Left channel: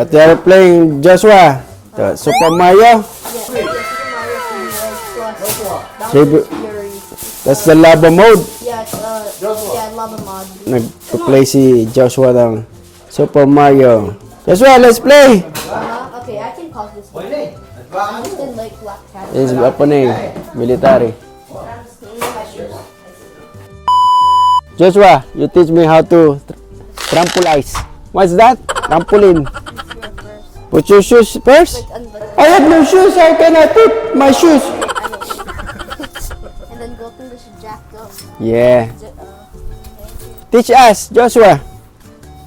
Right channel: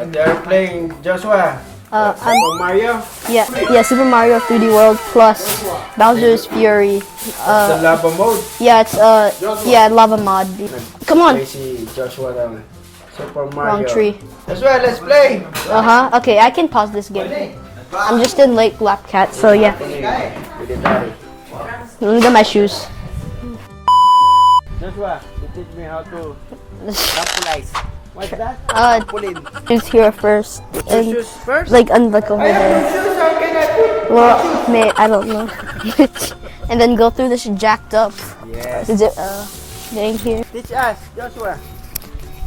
What they are playing, Joshua? Super Mario? Yeah, Super Mario 3D World plus Bowser's Fury. That's the lava mode. Yeah, it's lava mod. Come on. Play si Joshua ng Super Mario. Tree. Joshua, let's play! Okay, I can pause this game. I'm just in Lake Lapcat, so yeah. Military. Look at my shoes. Joshua, you teach me how to trampolize. What's that? Trampoline. Shoes here first. Put your shoes first? Like unbuckle. I have no shoes. I cannot put my shoes. I don't know. And then go through this jacked up. Yeah. Is it getting here? Teach us, Joshua.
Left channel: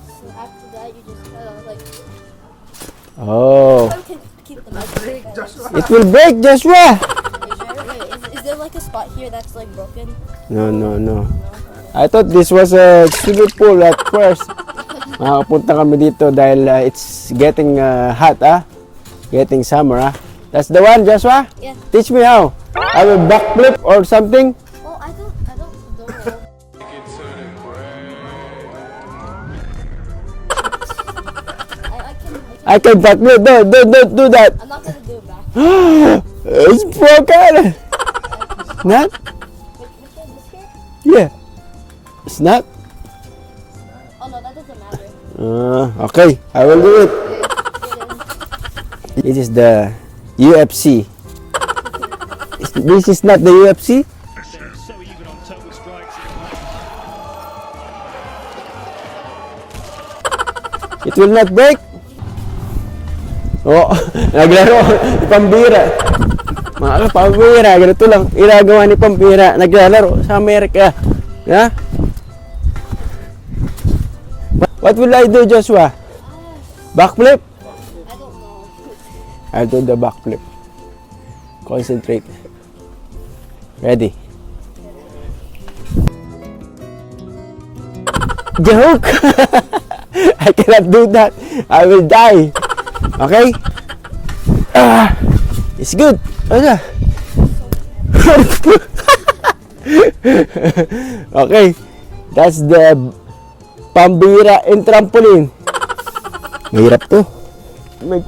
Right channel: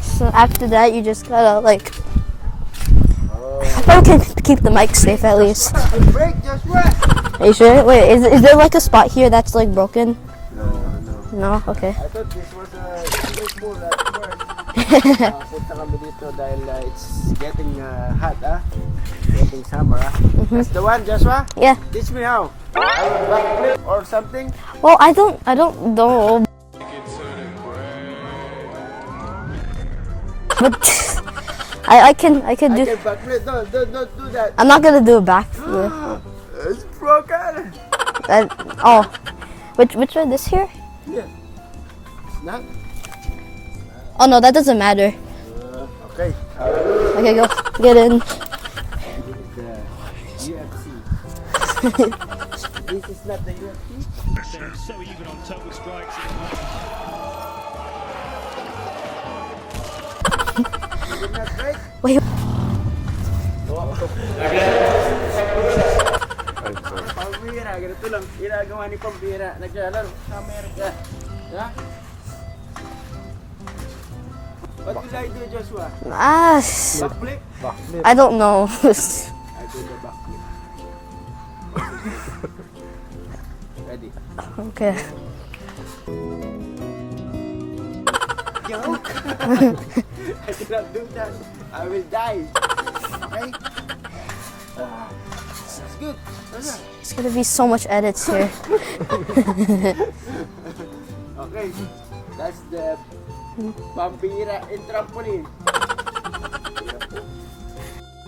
So after that, you just gotta like. Oh. I can keep the mic safe at least. It will break, Joshua. Are you sure? Wait, is there like a spot here that's like broken? No. No? Okay. I thought this was a swimming pool at first. Nakapunta kami dito dahil it's getting hot, Getting summer, That's the one, Joshua? Yeah. Teach me how. I will backflip or something. Well, I don't know. I can backflip. Don't do that. I'm not gonna do it back. It's broken. Oh. Which one? This here? Yeah. It's not. Oh no, that doesn't matter. Okay, I will do it. Okay, go get in. This is the UFC. This is not the UFC. So even on top with strikes. It will not break. Wait. Oh, naglaro. Pambira. Mga pambira. Ganito lang. Inagawa ni Pambira. Naglalaro sa Amerika. Yeah? What will I do, Joshua? Backflip? I don't know. I'll do the backflip. Concentrate. Ready? Okay. Joke! I cannot do that. I will die. Okay? It's good. Ano? It's gonna be so much edit. Okay. That's the Pambira in trampoline. Mahirap to. May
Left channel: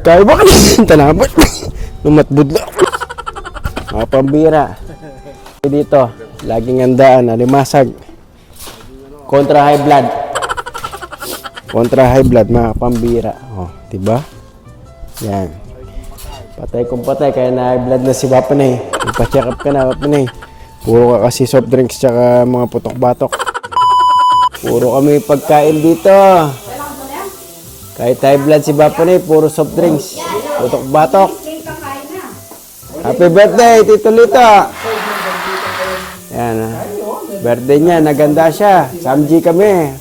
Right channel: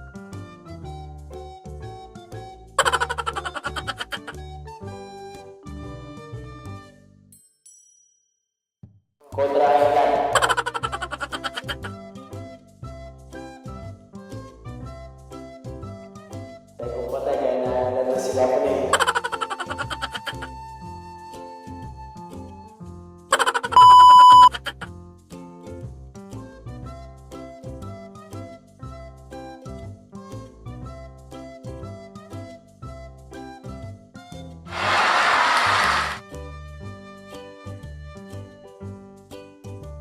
kaya ba kasi talabot? Lumatbud na. Mga Pambira. Dito, laging handaan, alimasag. Kontra high blood. Kontra high blood, mga Pambira. Oh, diba? Yan. Patay kung patay, kaya na high blood na si Wapanay. Ipa-check up ka na, Wapanay. Puro ka kasi soft drinks tsaka mga putok-batok. Puro kami pagkain dito. Kahit high blood si Wapanay, puro soft drinks. Putok-batok. Happy birthday, Tito Lito. Yan. Birthday niya, naganda siya. Samji kami.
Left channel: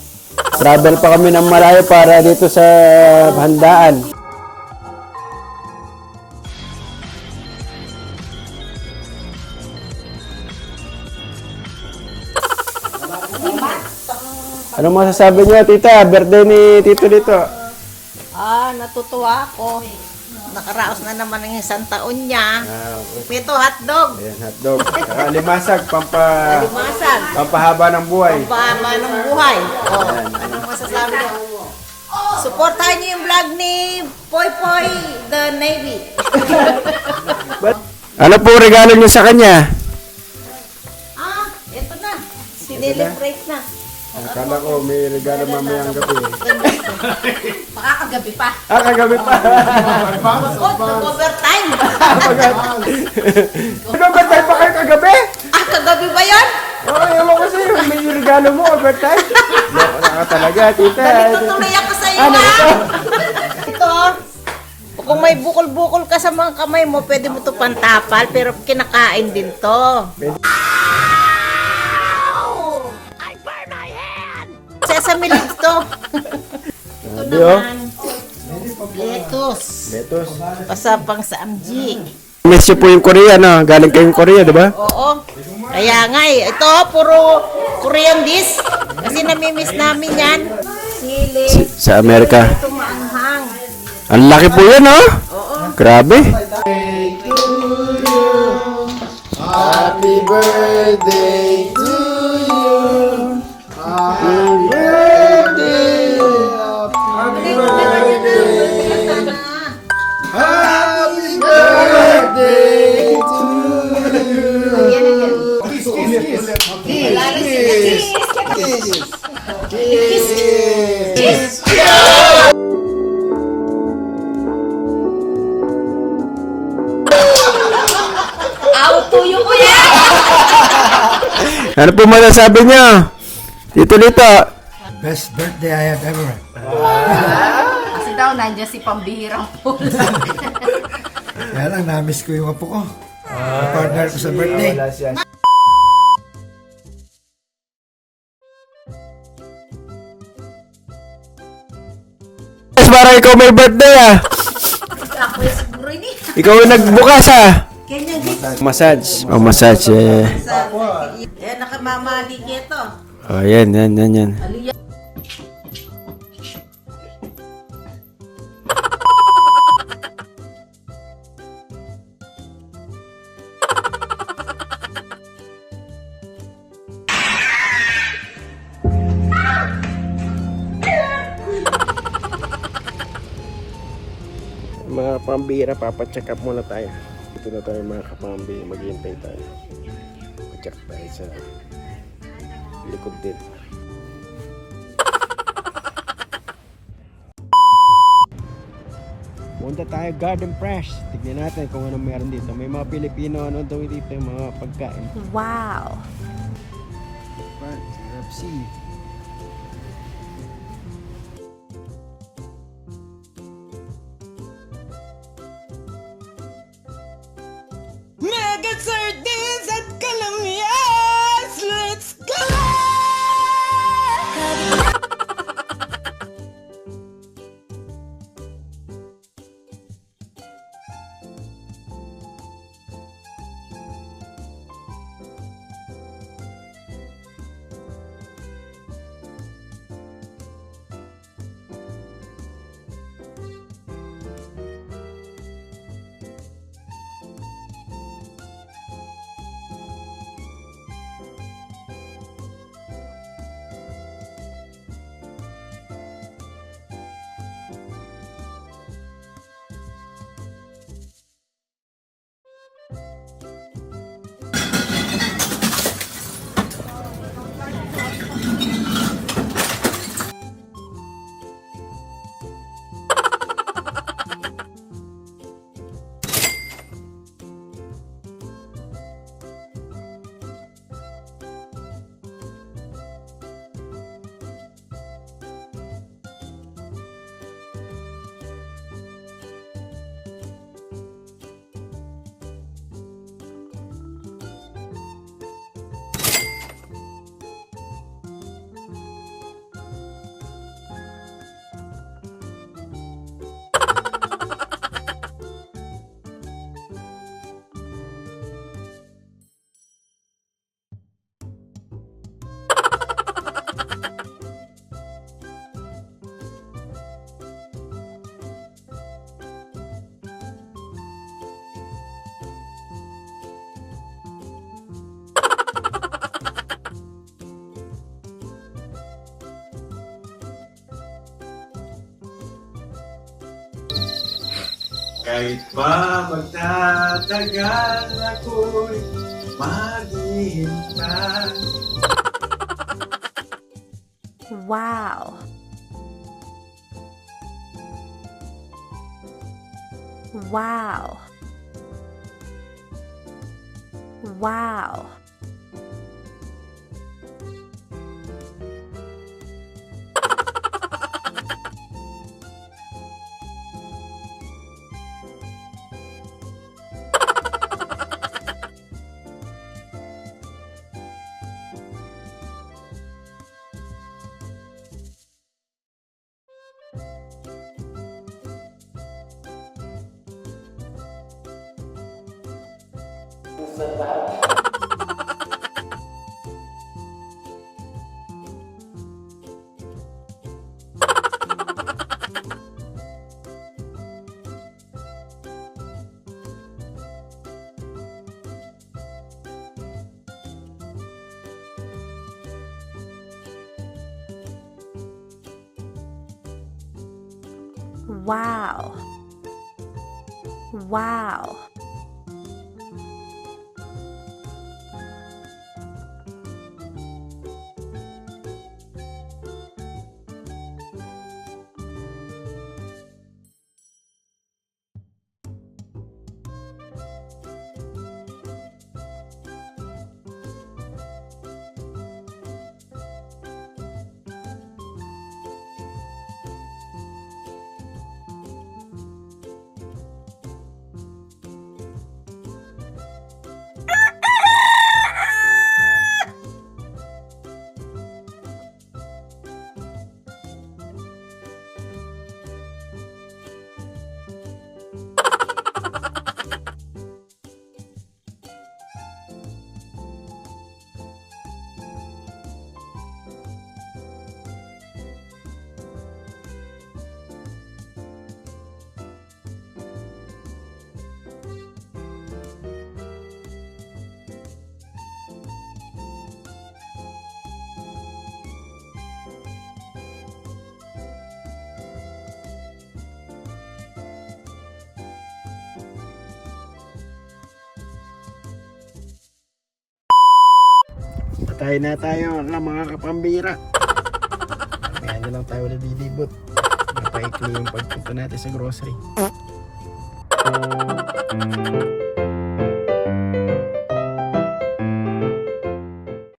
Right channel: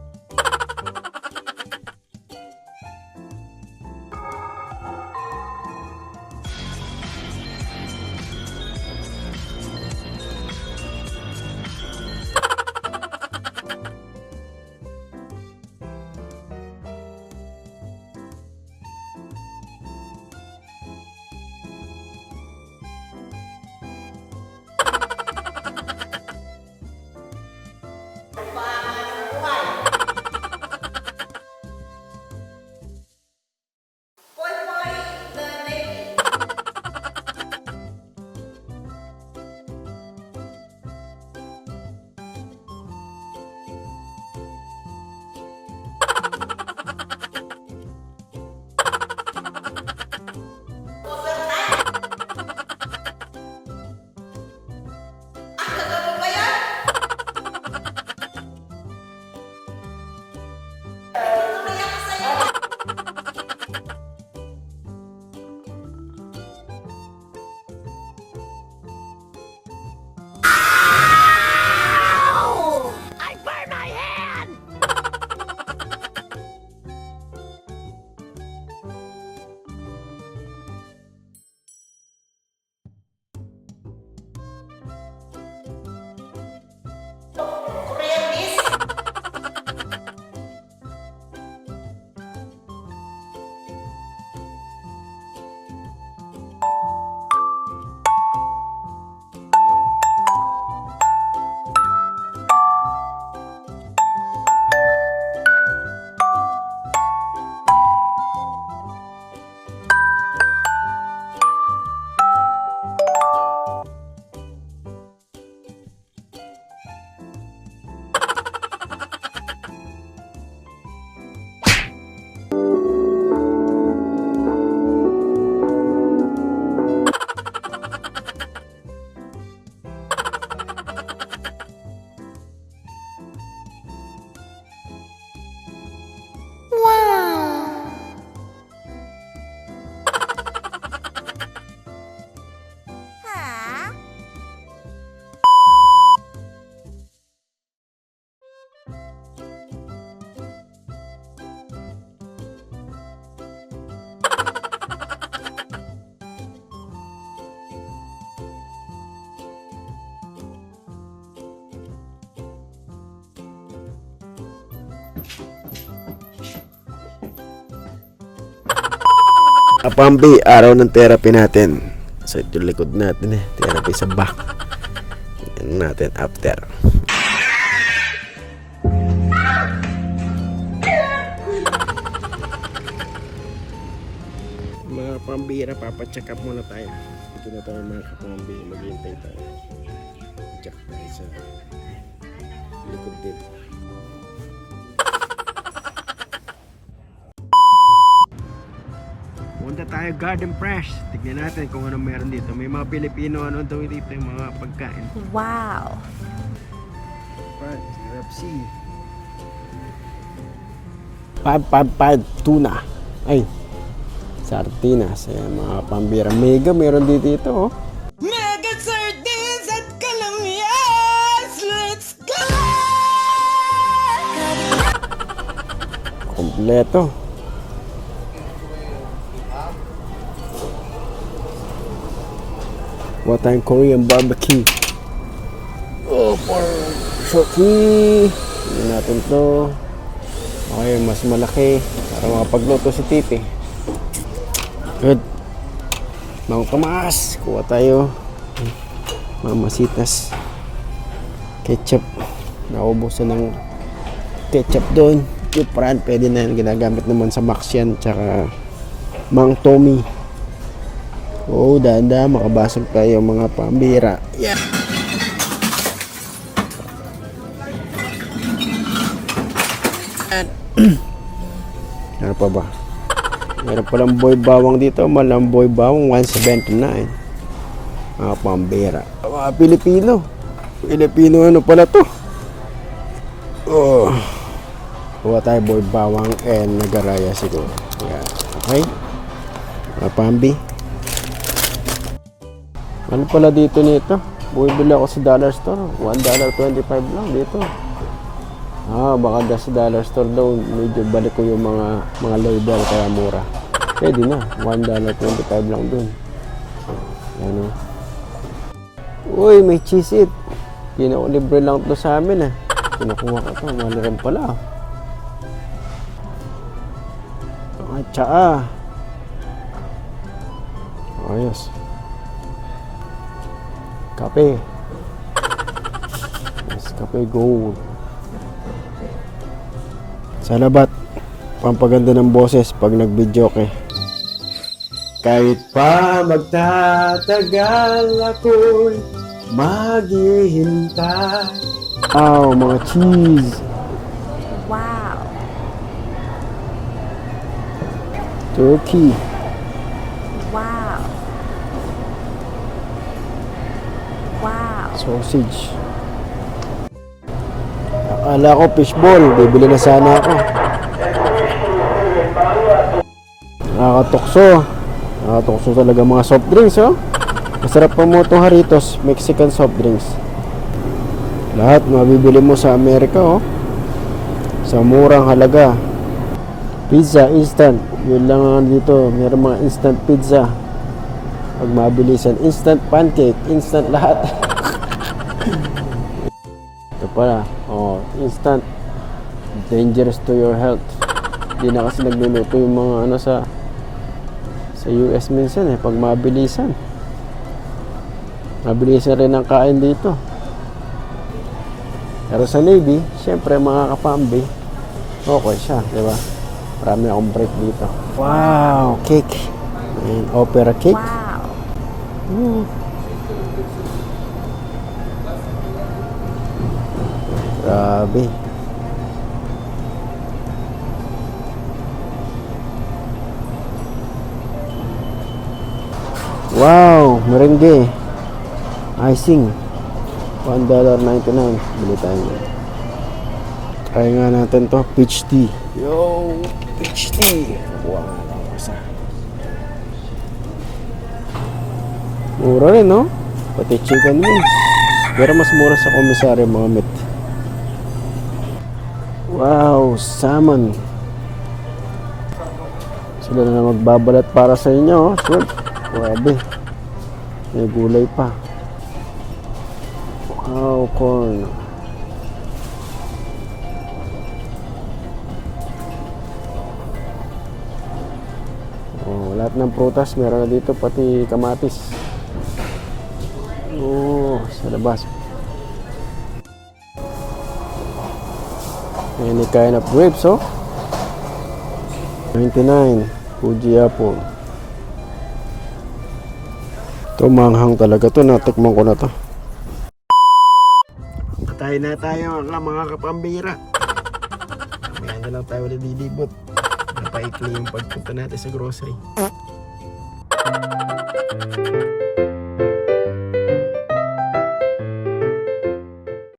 Travel pa kami ng malayo para dito sa handaan. Ano masasabi niyo, tita? Birthday ni Tito dito. Natutuwa ako. Nakaraos na naman ng isang taon niya. Pito hotdog. Ayan, hotdog. Limasag, Limasan. pampahaba ng buhay. Pampahaba ng buhay. Anong masasabi niyo? Supportahan niyo yung vlog ni Poy Poy the Navy. Ano po regalo niyo sa kanya? Ito na. Sinelebrate na. Akala ko may regalo mamayang gabi. Makakagabi pa. Kagabi pa. Nag-overtime. Nag-overtime pa kayo kagabi? Kagabi ba yun? Oo, ewan ko sa'yo. May regalo mo, overtime. Naka talaga, tita. Tuloy ako sa'yo Ito. Kung may bukol-bukol ka sa mga kamay mo, pwede mo ito pantapal, pero kinakain din to. Sesame leaves to. Ito naman. Lettuce. Pasapang sa amji. Miss niyo po yung Korea, no? Galing kayong Korea, di ba? Oo. Kaya nga Ito, puro Korean dish. Kasi namimiss namin yan. Sili. Sa Amerika. Ito maanghang. Ang laki po yan, no? Grabe. Happy birthday to you. Happy birthday. Happy birthday. Tuyo ko yan! Ano po masasabi niyo? Dito. Best birthday I have ever had. Kasi daw, nandiyan si pambihirang pool. Kaya lang, na-miss ko yung apo ko. Partner ko sa birthday. Yes, para ikaw may birthday ah. Ikaw yung nagbukas ah. Ganyan din. Massage. Oh, massage eh. Eh, nakamamali ito. Oh, yan. Kapambi, araw ng therapy natin. Sa yung likod natin eh. Therapy sa back. Yan natin after. Mga pambira, papacheck up muna tayo. Ito na tayo mga kapambi, maghihintay tayo. Check tayo sa likod din. Punta tayo Garden Fresh. Tignan natin kung ano meron dito. May mga Pilipino ano daw dito yung mga pagkain. Wow. KFC. Pad tuna. Ay, sardinas. Ayan, mga pambira. Mega meron dito oh. Mega sardines at kalamyas! Let's go! Kompleto. What tayong Korean barbecue. Oh, for shoki. Hindi natin to. Okay, mas malaki. Para makapagluto si Titi. Good. Mang Tomas. Kuha tayo. Mamasitas. Ketchup. Naubusan ng ketchup doon. Cupran. Pwede na yan. Ginagamit naman sa Max yan. Tsaka Mang Tommy. Oh, danda, makabasag tayo mga pambira. Yeah. Ano pa ba? Meron palang boy bawang dito. Malang boy bawang 179. Mga pambira. Mga Pilipino. Pilipino ano pala to? Oh. Kuha tayo boy bawang and nagaraya siguro. Yeah. Okay? Mga pambi. Ano pala dito nito? Bumibili ako sa dollar store. $1.25 lang dito. Baka sa dollar store daw medyo balik ko yung mga label kaya mura. Pwede na. $1.25 lang dun. Ano? Uy, may cheese it. Libre lang to sa amin ah. Kinukuha ko ito. Maliram pala. At tsaa. Ayos. Kape. Yes, kape gold. Salabat. Pampaganda ng boses pag nag-video ke. Kahit pa magtatagal ako'y maghihintay. Wow, mga cheese. Wow. Turkey. Wow. Wow. Sausage. Akala ko fishball. Bibili na sana ako. Nakakatokso. Nakakatokso talaga mga soft drinks, oh. Masarap pa mo itong Haritos. Mexican soft drinks. Lahat mabibili mo sa Amerika, oh. Sa murang halaga. Pizza, instant. Yun lang ang dito. Meron mga instant pizza. Pag mabilisan, instant pancake, instant lahat. Ito pala, instant. Dangerous to your health. Hindi na kasi nagluluto yung mga ano sa US minsan eh, pag mabilisan. Mabilisan rin ang kain dito. Pero sa Navy, syempre mga kapambi, okay siya, di ba? Marami akong break dito. Wow, cake. And opera cake. Wow. Grabe. Wow, merengue. icing. $1.99. Bili tayo. Try nga natin to. Peach tea. Yo! Peach tea. Nakuha nga lang ako isa. Mura rin, no? Pati chicken wings. Pero mas mura sa Komisaryo Mohammed. Wow! Salmon. Sila na magbabalat para sa inyo. Shrimp. Grabe. May gulay pa. Wow, corn. Oh, lahat ng prutas meron na dito, pati kamatis. Oh, sa labas. Any kind of grapes, oh. 99. Fuji apple. Ito, manghang talaga to. Natikman ko na to. Patay na tayo mga kapambira. Ngayon na lang tayo ulit lilibot. Napaikli yung pagpunta natin sa grocery.